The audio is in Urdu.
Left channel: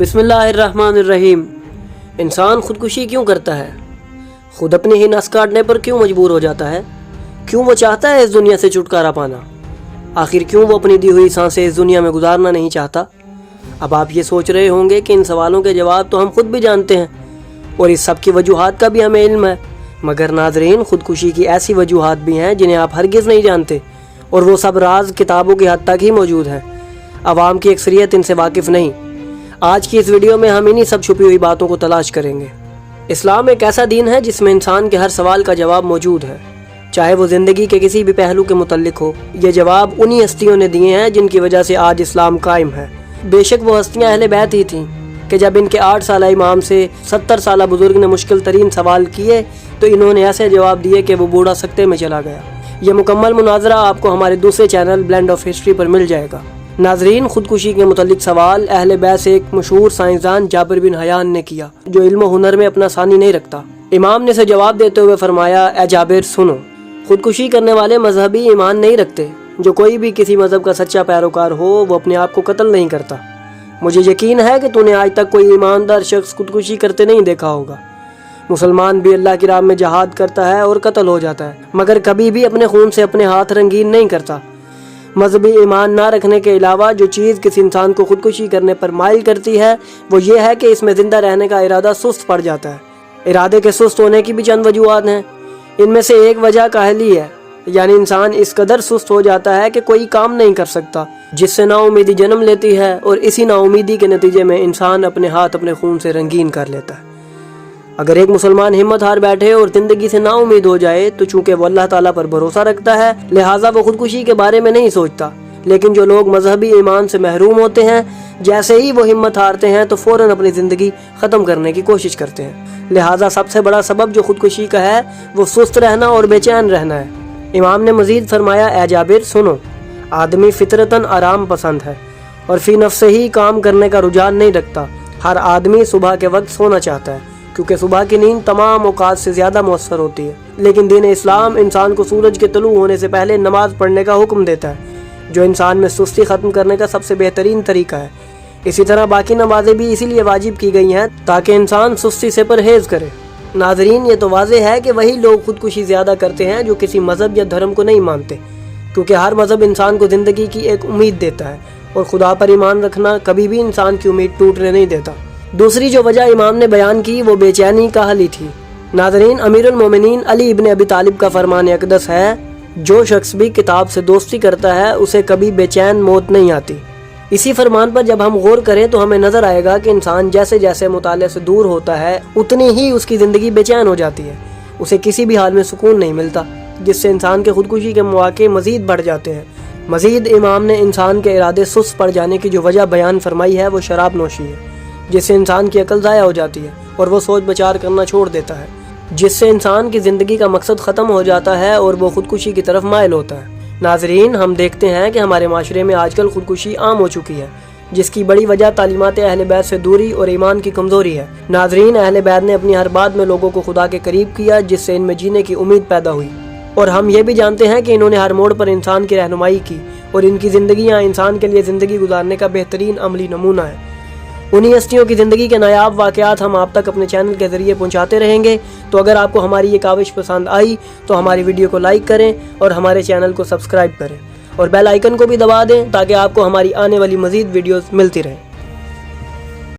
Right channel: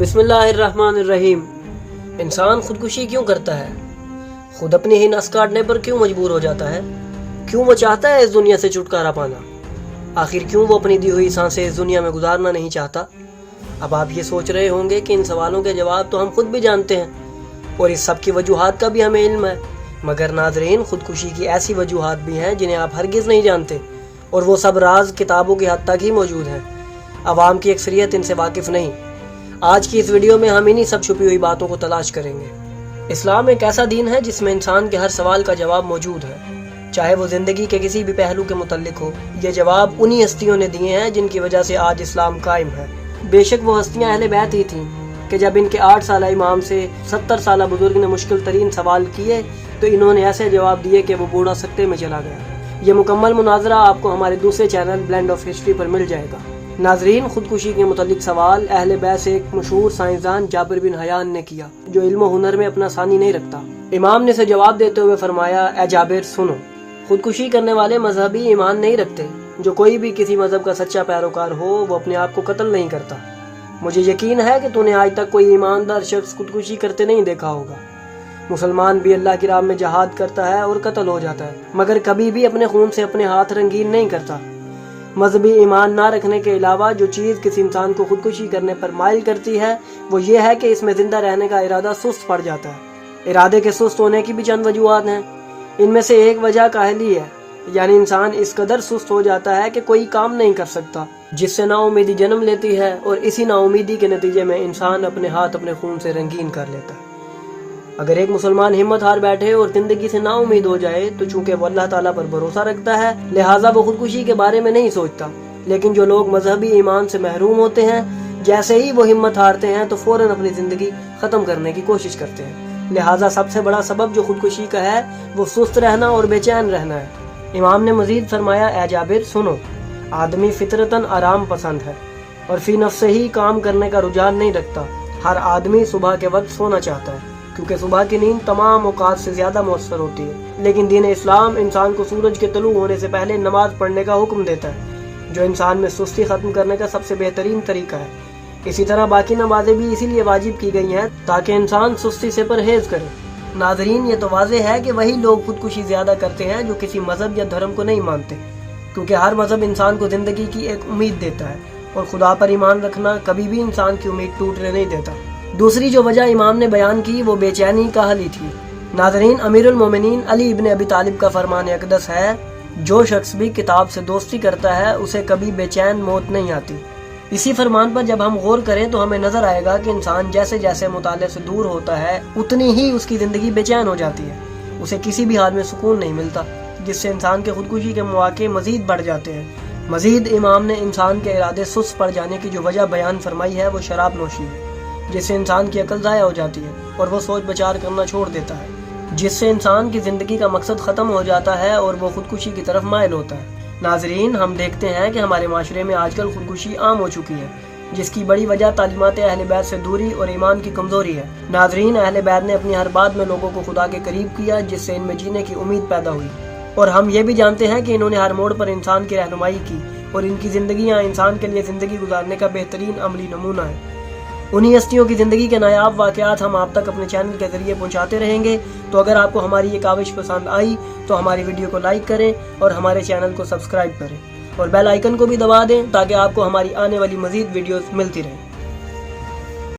بسم اللہ الرحمن الرحیم۔ انسان خودکشی کیوں کرتا ہے؟ خود اپنی ہی نس کاٹنے پر کیوں مجبور ہو جاتا ہے؟ کیوں وہ چاہتا ہے اس دنیا سے چھٹکارا پانا؟ آخر کیوں وہ اپنی دی ہوئی سانسیں اس دنیا میں گزارنا نہیں چاہتا؟ اب آپ یہ سوچ رہے ہوں گے کہ ان سوالوں کے جواب تو ہم خود بھی جانتے ہیں اور اس سب کی وجوہات کا بھی ہمیں علم ہے، مگر ناظرین، خودکشی کی ایسی وجوہات بھی ہیں جنہیں آپ ہرگز نہیں جانتے، اور وہ سب راز کتابوں کی حد تک ہی موجود ہیں۔ عوام کی اکثریت ان سے واقف نہیں۔ آج کی اس ویڈیو میں ہم انہی سب چھپی ہوئی باتوں کو تلاش کریں گے۔ اسلام ایک ایسا دین ہے جس میں انسان کے ہر سوال کا جواب موجود ہے، چاہے وہ زندگی کے کسی بھی پہلو کے متعلق ہو۔ یہ جواب انہی ہستیوں نے دیے ہیں جن کی وجہ سے آج اسلام قائم ہے۔ بے شک وہ ہستیاں اہل بیت ہی تھیں کہ جب ان کے 8 سالہ امام سے 70 سالہ بزرگ نے مشکل ترین سوال کیے تو انہوں نے ایسے جواب دیے کہ وہ بوڑھا سکتے میں چلا گیا۔ یہ مکمل مناظرہ آپ کو ہمارے دوسرے چینل بلینڈ آف ہسٹری پر مل جائے گا۔ ناظرین، خودکشی کے متعلق سوال اہل بیت سے ایک مشہور سائنسدان جابر بن حیان نے کیا، جو علم و ہنر میں اپنا ثانی نہیں رکھتا۔ امام نے اسے جواب دیتے ہوئے فرمایا، اے جابر سنو، خودکشی کرنے والے مذہبی ایمان نہیں رکھتے۔ جو کوئی بھی کسی مذہب کا سچا پیروکار ہو وہ اپنے آپ کو قتل نہیں کرتا۔ مجھے یقین ہے کہ تو نے آج تک کوئی ایماندار شخص خودکشی کرتے نہیں دیکھا ہوگا۔ مسلمان بھی اللہ کی راہ میں جہاد کرتا ہے اور قتل ہو جاتا ہے، مگر کبھی بھی اپنے خون سے اپنے ہاتھ رنگین نہیں کرتا۔ مذہبی ایمان نہ رکھنے کے علاوہ جو چیز کسی انسان کو خودکشی کرنے پر مائل کرتی ہے وہ یہ ہے کہ اس میں زندہ رہنے کا ارادہ سست پڑ جاتا ہے۔ ارادے کے سست ہونے کی بھی چند وجوہات ہیں۔ ان میں سے ایک وجہ کاہلی ہے، یعنی انسان اس قدر سست ہو جاتا ہے کہ کوئی کام نہیں کر سکتا، جس سے نا امیدی جنم لیتی ہے، اور اسی نا امیدی کے نتیجے میں انسان اپنے ہاتھ اپنے خون سے رنگین کر لیتا ہے۔ اگر ایک مسلمان ہمت ہار بیٹھے اور زندگی سے نا امید ہو جائے تو چونکہ وہ اللہ تعالیٰ پر بھروسہ رکھتا ہے لہٰذا وہ خودکشی کے بارے میں نہیں سوچتا، لیکن جو لوگ مذہبی ایمان سے محروم ہوتے ہیں جیسے ہی وہ ہمت ہارتے ہیں تو فوراً اپنی زندگی ختم کرنے کی کوشش کرتے ہیں۔ لہٰذا سب سے بڑا سبب جو خودکشی کا ہے وہ سست رہنا اور بے چین رہنا ہے۔ امام نے مزید فرمایا، اے جابر سنو، آدمی فطرتاً آرام پسند ہے اور فی نفس ہی کام کرنے کا رجحان نہیں رکھتا۔ ہر آدمی صبح کے وقت سونا چاہتا ہے کیونکہ صبح کی نیند تمام اوقات سے زیادہ مؤثر ہوتی ہے، لیکن دین اسلام انسان کو سورج کے طلوع ہونے سے پہلے نماز پڑھنے کا حکم دیتا ہے، جو انسان میں سستی ختم کرنے کا سب سے بہترین طریقہ ہے۔ اسی طرح باقی نمازیں بھی اسی لیے واجب کی گئی ہیں تاکہ انسان سستی سے پرہیز کرے۔ ناظرین، یہ تو واضح ہے کہ وہی لوگ خودکشی زیادہ کرتے ہیں جو کسی مذہب یا دھرم کو نہیں مانتے، کیونکہ ہر مذہب انسان کو زندگی کی ایک امید دیتا ہے اور خدا پر ایمان رکھنا کبھی بھی انسان کی امید ٹوٹنے نہیں دیتا۔ دوسری جو وجہ امام نے بیان کی وہ بے چینی کاہلی تھی۔ ناظرین، امیر المومنین علی ابن ابی طالب کا فرمان اقدس ہے، جو شخص بھی کتاب سے دوستی کرتا ہے اسے کبھی بے چین موت نہیں آتی۔ اسی فرمان پر جب ہم غور کریں تو ہمیں نظر آئے گا کہ انسان جیسے جیسے مطالعے سے دور ہوتا ہے اتنی ہی اس کی زندگی بے چین ہو جاتی ہے، اسے کسی بھی حال میں سکون نہیں ملتا، جس سے انسان کے خودکشی کے مواقع مزید بڑھ جاتے ہیں۔ مزید امام نے انسان کے ارادے سست پڑ جانے کی جو وجہ بیان فرمائی ہے وہ شراب نوشی ہے، جس سے انسان کی عقل ضائع ہو جاتی ہے اور وہ سوچ بچار کرنا چھوڑ دیتا ہے، جس سے انسان کی زندگی کا مقصد ختم ہو جاتا ہے اور وہ خودکشی کی طرف مائل ہوتا ہے۔ ناظرین، ہم دیکھتے ہیں کہ ہمارے معاشرے میں آج کل خودکشی عام ہو چکی ہے، جس کی بڑی وجہ تعلیمات اہل بیت سے دوری اور ایمان کی کمزوری ہے۔ ناظرین، اہل بیت نے اپنی ہر بات میں لوگوں کو خدا کے قریب کیا، جس سے ان میں جینے کی امید پیدا ہوئی، اور ہم یہ بھی جانتے ہیں کہ انہوں نے ہر موڑ پر انسان کی رہنمائی کی اور ان کی زندگیاں انسان کے لیے زندگی گزارنے کا بہترین عملی نمونہ ہے۔ انہی ہستیوں کی زندگی کے نایاب واقعات ہم آپ تک اپنے چینل کے ذریعے پہنچاتے رہیں گے، تو اگر آپ کو ہماری یہ کاوش پسند آئی تو ہماری ویڈیو کو لائک کریں اور ہمارے چینل کو سبسکرائب کریں اور بیل آئیکن کو بھی دبا دیں تاکہ آپ کو ہماری آنے والی مزید ویڈیوز ملتی رہیں۔